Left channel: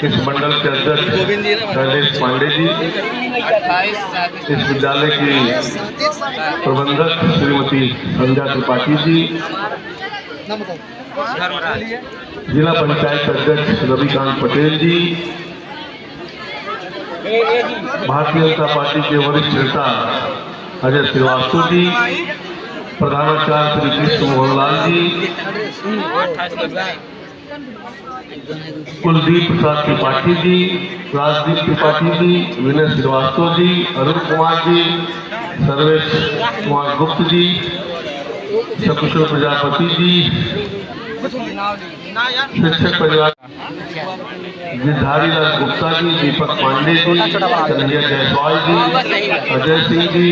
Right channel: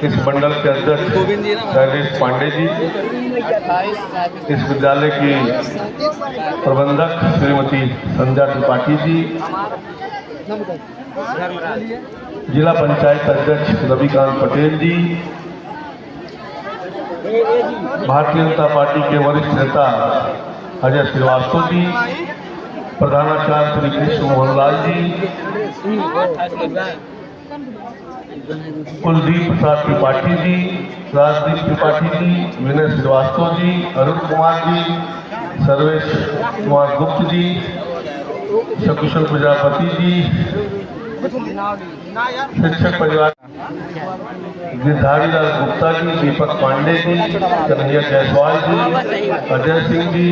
इस मंडल के अध्यक्ष शैलेश पांडे जी, इस विद्यालय की प्रबंधक श्रीमती संध्या त्रिपाठी जी, जिला पंचायत अध्यक्ष रविकांत पटेल जी, भारतीय जनता पार्टी के वरिष्ठ नेता अजय श्रीवास्तव जी, प्रधानाचार्य श्री कृष्ण मोहन लाल जी, कुलदीप प्रसाद त्रिपाठी जी, राजदीप त्रिपाठी जी, विनय श्रीवास्तव जी, अरुण कुमार जी, सर्वेश कुमार गुप्त जी, सकुशल प्रजापति जी, शिक्षक परिवार गिरधारी लाल गुप्ता जी, दीपक पांडे जी, कन्हैया जायसवाल जी, अजय सिंह जी,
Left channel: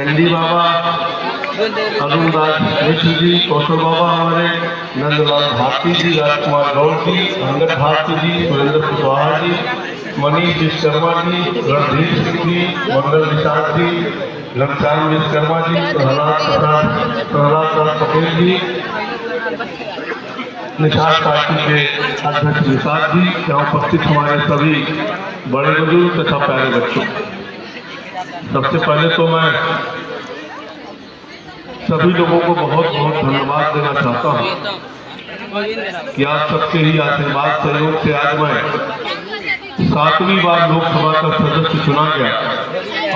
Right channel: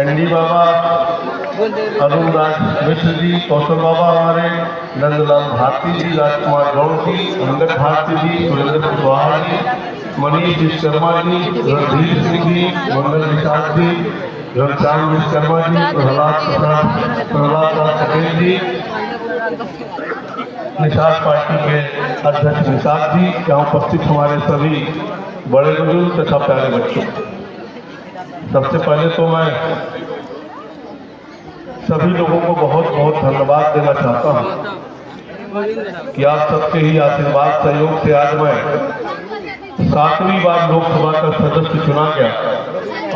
एनडी बाबा, अरुण दास मिश्र जी, कौशल बाबा हमारे, नंदलाल भारती जी, राजकुमार गौड़ जी, अंगद भारती जी, सुरेंद्र कुशवाहा जी, मनीष विश्वकर्मा जी, रणधीर सिंह जी, मंगल निषाद जी, घनश्याम विश्वकर्मा जी, प्रहलाद दास पटेल जी, निषाद पार्टी के अध्यक्ष निषाद जी, यहाँ उपस्थित हमारे सभी बड़े बुजुर्ग तथा प्यारे बच्चों, सबसे पहले तो मैं सभी लोगों को बहुत बहुत धन्यवाद देना चाहता हूँ कि आप सबके ही आशीर्वाद सहयोग से आज मैं 7वीं बार लोकसभा का सदस्य चुना गया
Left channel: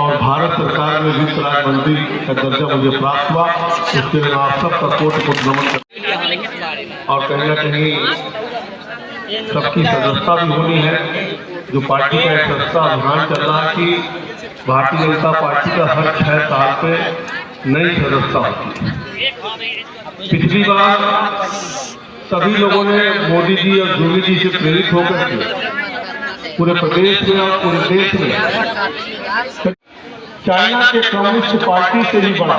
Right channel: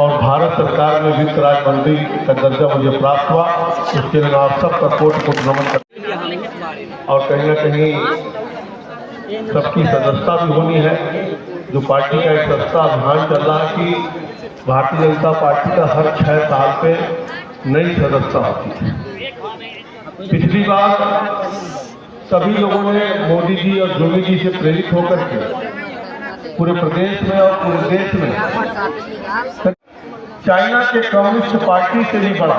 और भारत सरकार में वित्त राज्य मंत्री का दर्जा मुझे प्राप्त हुआ। इसके लिए आप सबका कोटि कोटि नमन करता और कहीं न कहीं सबकी सदस्यता भी होनी है। जो पार्टी का एक सदस्यता अभियान चल रहा है कि भारतीय जनता पार्टी का हर 6 साल पे नई सदस्यता होती है। पिछली बार सभी लोगों ने मोदी जी और योगी जी से प्रेरित होकर के पूरे प्रदेश में और पूरे देश में चाइना के कम्युनिस्ट पार्टी से भी बड़ा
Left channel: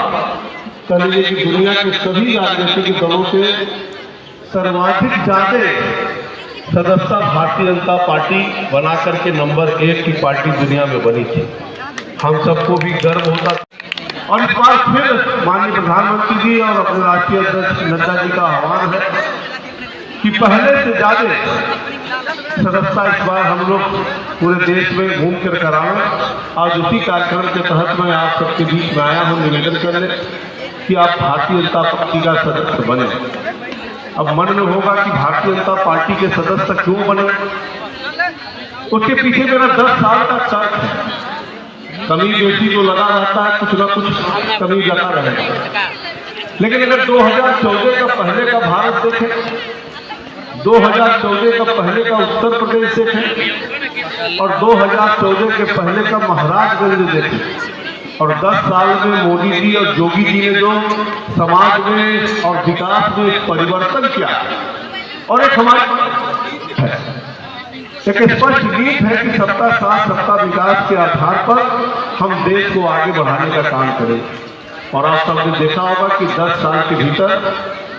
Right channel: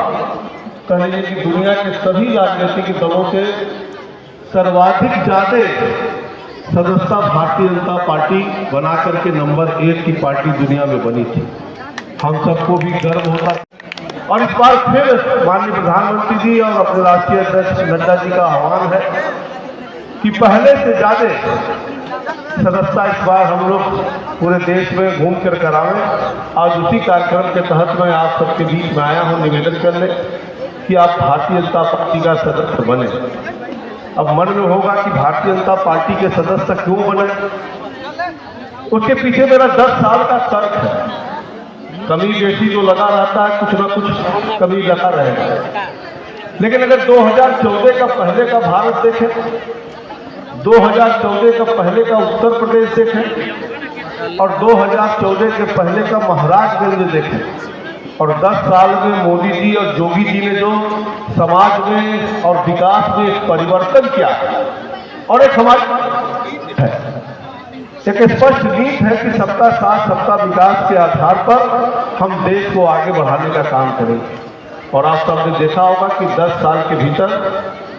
कह लीजिए कि दुनिया के सभी राजनीतिक दलों से सर्वाधिक ज्यादा सदस्यता भारतीय जनता पार्टी बना करके नंबर 1 की पार्टी दुनिया में बनी थी। हम सबको भी गर्व होता और इस बार फिर माननीय प्रधानमंत्री जी और अपने राष्ट्रीय अध्यक्ष नड्डा जी का आह्वान है कि पहले से ज्यादा सदस्यता इस बार हम लोग पूरे देश में घूम कर कराएं। आज उसी कार्यक्रम के तहत मैं आप सबके बीच में आया हूं निवेदन करने कि आप भारतीय जनता पार्टी का सदस्य बने। अब मन में होगा कि भारतीय जनता पार्टी के सदस्य क्यों बने, उसके पीछे मेरा 10 साल का तर्क है। कमी बेसी जो लगा रहता है, कुछ न कुछ कमी लगा रहेगा। लेकिन अगर 2014 का पहले का भारत देखें, 2014 का पहले का उत्तर प्रदेश देखें और 2014 के पहले का महाराष्ट्र देखें और 10 साल में मोदी जी और योगी जी ने जो समाज में और विकास में परिवर्तन किया और एक हमारी एक स्पष्ट नीति है कि सबका साथ सबका विकास के आधार पर हम देश को आगे बढ़ाने का काम करें। और आप सबने देखा होगा कि 10 साल के भीतर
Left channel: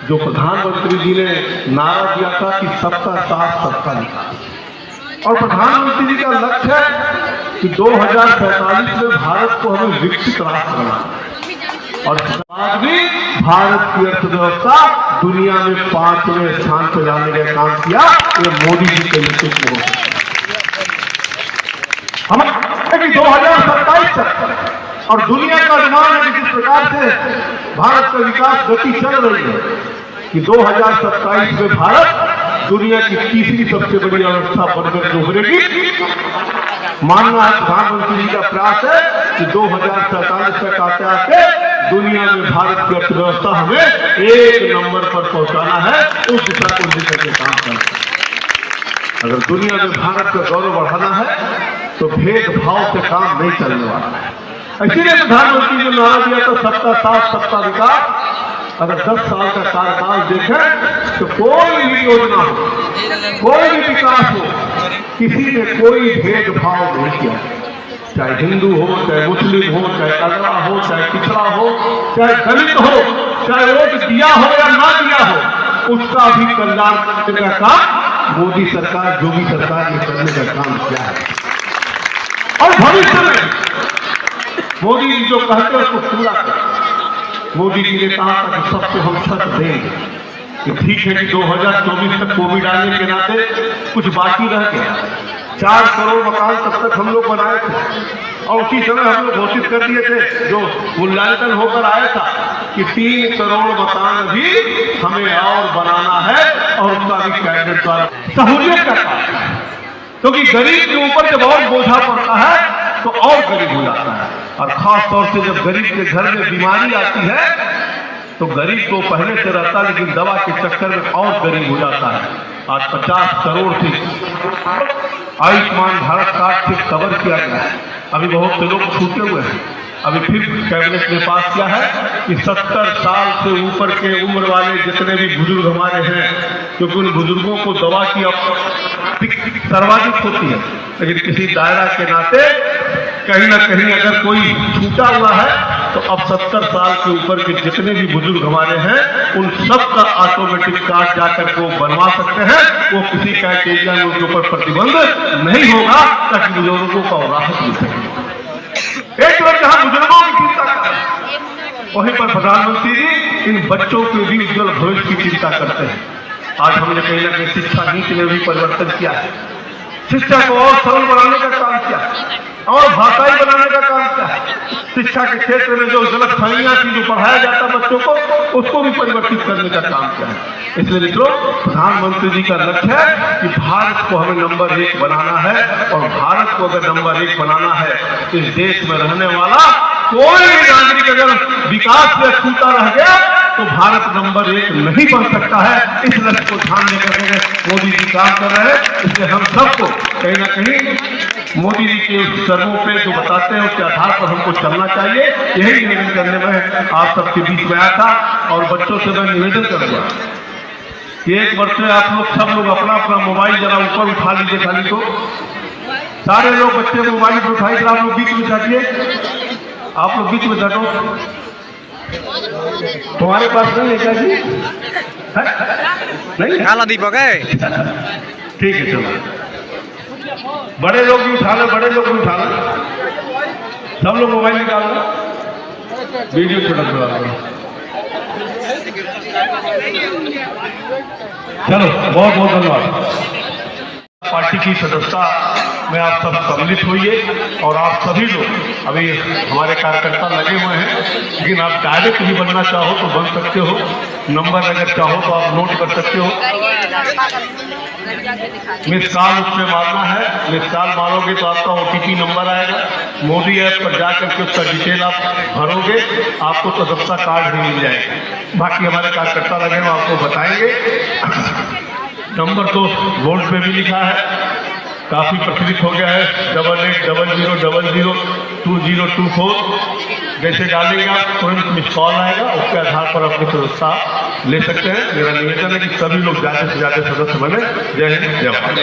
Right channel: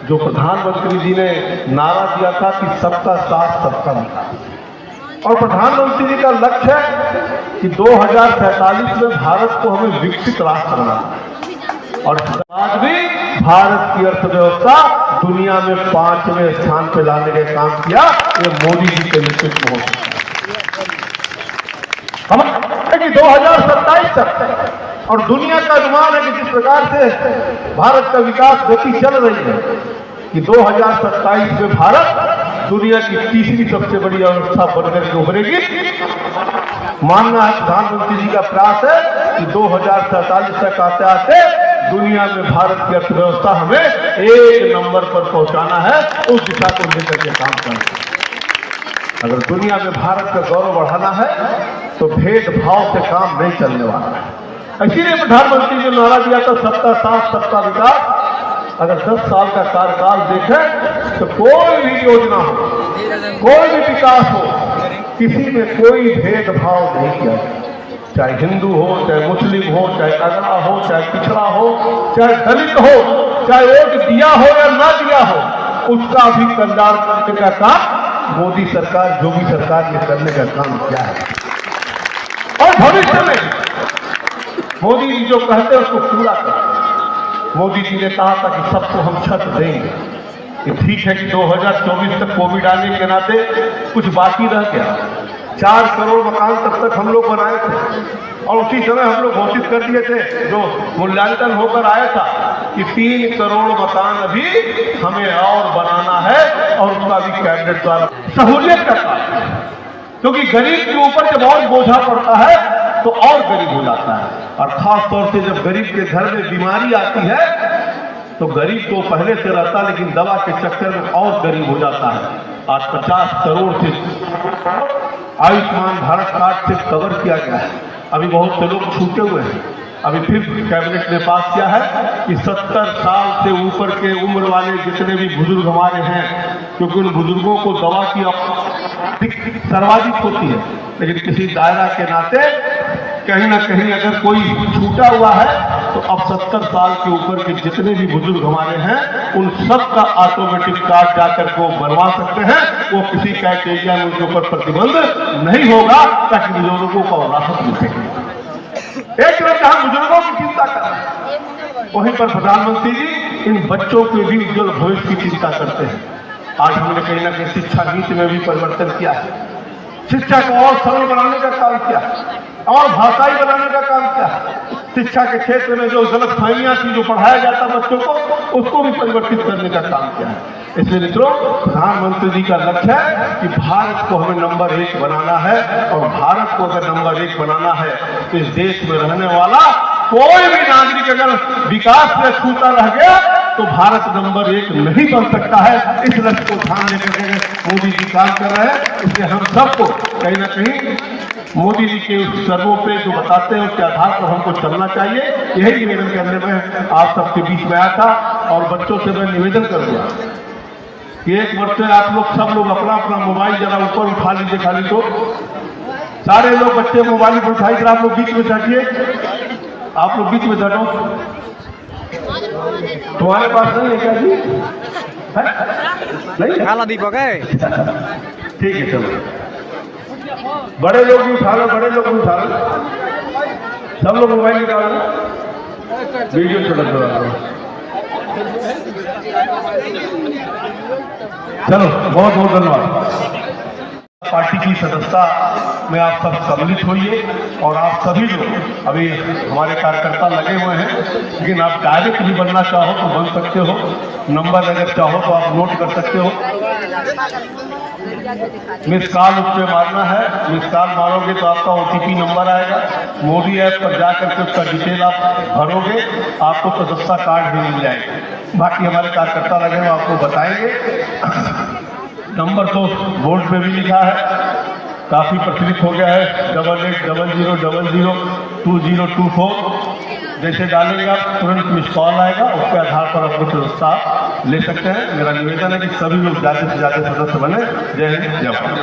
जो प्रधानमंत्री जी ने नारा दिया था कि सबका साथ सबका विकास, और प्रधानमंत्री जी का लक्ष्य है कि 2047 में भारत को हमें विकसित राष्ट्र बनाना और आज भी भारत की अर्थव्यवस्था दुनिया में 5वें स्थान पर लाने का काम किया। ये मोदी जी के नेतृत्व में हम 2027 तक और दुनिया का अनुमान है कि जिस प्रकार से भारत का विकास गति चल रही है कि 2027 में भारत दुनिया की तीसरी सबसे बड़ी अर्थव्यवस्था बनकर के उभरेगी। मानना है प्रधानमंत्री जी का प्रयास है कि 2047 तक आते आते दुनिया में भारत की अर्थव्यवस्था हमें 1 नंबर पर पहुंचाना है। उस दिशा को लेकर के काम करना है। अगर दुनिया में भारत का गौरव बढ़ाना है तो भेदभाव से काम नहीं चलने वाला है। इसीलिए प्रधानमंत्री ने नारा दिया था सबका साथ सबका विकास। अगर 10 साल का कार्यकाल देखें तो कोई भी योजना हो, कोई भी विकास हो, किसी ने कोई भेदभाव नहीं किया। चाहे हिंदू हो, चाहे मुस्लिम हो, चाहे अगड़ा हो, चाहे पिछड़ा हो, चाहे दलित हो, चाहे वोट दिया हो या ना दिया हो, उसका भी कल्याण करने का काम मोदी सरकार, योगी सरकार ने करने का काम किया है। और भविष्य में मोदी जी जो कहते हैं उसको पूरा करें। मोदी जी ने कहा था कि सबको हम छत देंगे। कि ठीक है कि 2024 तक कोविड आने के नाते कुछ बाकी रह गया। 4 करोड़ मकान तब तक हम लोग बनाए थे और उसी समय हम लोग घोषित कर दिए थे, जो मूल्यांकन होकर आया था, कि 3 करोड़ मकान अभी हमें और बनाना है और उसका भी कैबिनेट द्वारा सहूलियत करना है। क्योंकि गरीब के ऊपर जब और बोझा पड़ता है तो और गरीब हो जाता है, और खास तौर से जब गरीब के घर में बीमारी आती है तो गरीब तो पहले से रहता है, लेकिन दवा के चक्कर में और गरीब हो जाता है। आज 50 करोड़ से आयुष्मान भारत कार्ड से कवर किया गया है। अभी बहुत से लोग छूटे हुए हैं। अभी फिर कैबिनेट ने पास किया है कि 70 साल से ऊपर के उम्र वाले जितने भी बुजुर्ग हमारे हैं, क्योंकि उन बुजुर्गों को दवा की सर्वाधिक होती है, लेकिन किसी दायरा के नाते कहीं ना कहीं अगर कोई छूटा हुआ है तो अब 70 साल के ऊपर के जितने भी बुजुर्ग हमारे हैं उन सब का ऑटोमेटिक कार्ड जाकर वो बनवा सकते हैं। वो किसी क्राइटेरिया में उनके ऊपर प्रतिबंध नहीं होगा, ताकि बुजुर्गों को राहत मिल सके। एक तरफ जहां बुजुर्गों की चिंता कर, वहीं पर प्रधानमंत्री जी इन बच्चों के भी उज्जवल भविष्य की चिंता करते हैं। आज हमने कहीं ना कहीं शिक्षा नीति में भी परिवर्तन किया है। शिक्षा को और सरल बनाने का काम किया और भाषाई बनाने का काम किया। शिक्षा के क्षेत्र में जो गलत फहमियां थी, जो पढ़ाया जाता बच्चों को, उसको भी परिवर्तित करने का काम किया है। इसलिए मित्रों, प्रधानमंत्री जी का लक्ष्य है कि भारत को हमें नंबर 1 बनाना है, और भारत को अगर नंबर 1 बनाना है तो इस देश में रहने वाला कोई भी नागरिक अगर विकास से छूटा रह गया तो भारत नंबर 1 नहीं बन सकता है। इस लक्ष्य को ध्यान देकर मोदी जी काम कर रहे हैं। इसलिए हम सबको कहीं ना कहीं मोदी जी के सर्वों पे जो बताते हैं उसके आधार पर हमको चलना चाहिए। यही निवेदन करने में आप सबके बीच में आया था। और बच्चों से मैं निवेदन करूंगा कि एक बार से आप लोग सब लोग अपना अपना मोबाइल जरा ऊपर उठा लीजिए। खाली तो सारे लोग बच्चे मोबाइल पर उठाइए, आप लोग बीच में बैठिए। आप लोग बीच में बैठो। तुम्हारे पास नहीं है क्या जी? नहीं काला दीपक है। ठीक है, चलो बड़े लोग भी उठा लो, बड़े लोग भी उठा लो, सब लोग मोबाइल निकाल लो, वीडियो को लगा लो। चलो, बहुत बहुत धन्यवाद। पार्टी की सदस्यता में आप सब सम्मिलित होइए, और आप सभी लोग अभी हमारे कार्यकर्ता लगे हुए हैं, लेकिन आप डायरेक्ट भी बनना चाहो तो बन सकते हो। नंबर अगर चाहो तो आप नोट कर सकते हो। मिस कॉल उस पर मारना है, मिस कॉल मारोगे तो आपका OTP नंबर आएगा। मोदी ऐप पर जाकर के उसका डिटेल आप भरोगे, आपको सदस्यता कार्ड भी मिल जाएगा। बाकी हमारे कार्यकर्ता लगे हैं, आपको बताएंगे। नंबर तो बोर्ड पे भी लिखा है, काफी प्रचलित हो गया है, 8800002024। जैसे डालेंगे आप तुरंत मिस कॉल आएगा, उसके आधार पर अपनी सदस्यता ले सकते हैं। मेरा निवेदन है कि सभी लोग ज्यादा से ज्यादा सदस्य बने। जय हिंद, जय भारत।